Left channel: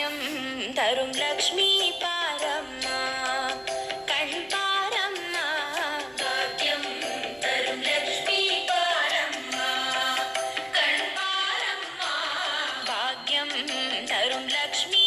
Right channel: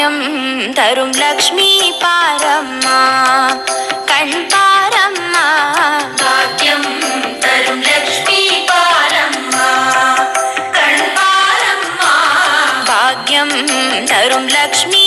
பாக்கியம் தரும் லக்ஷ்மி பாரம்மா கண் பாரம்மா பாக்கியம் தரும் லக்ஷ்மி பாரம்மா கண் பாரம்மா பாக்கியம் தரும் லக்ஷ்மி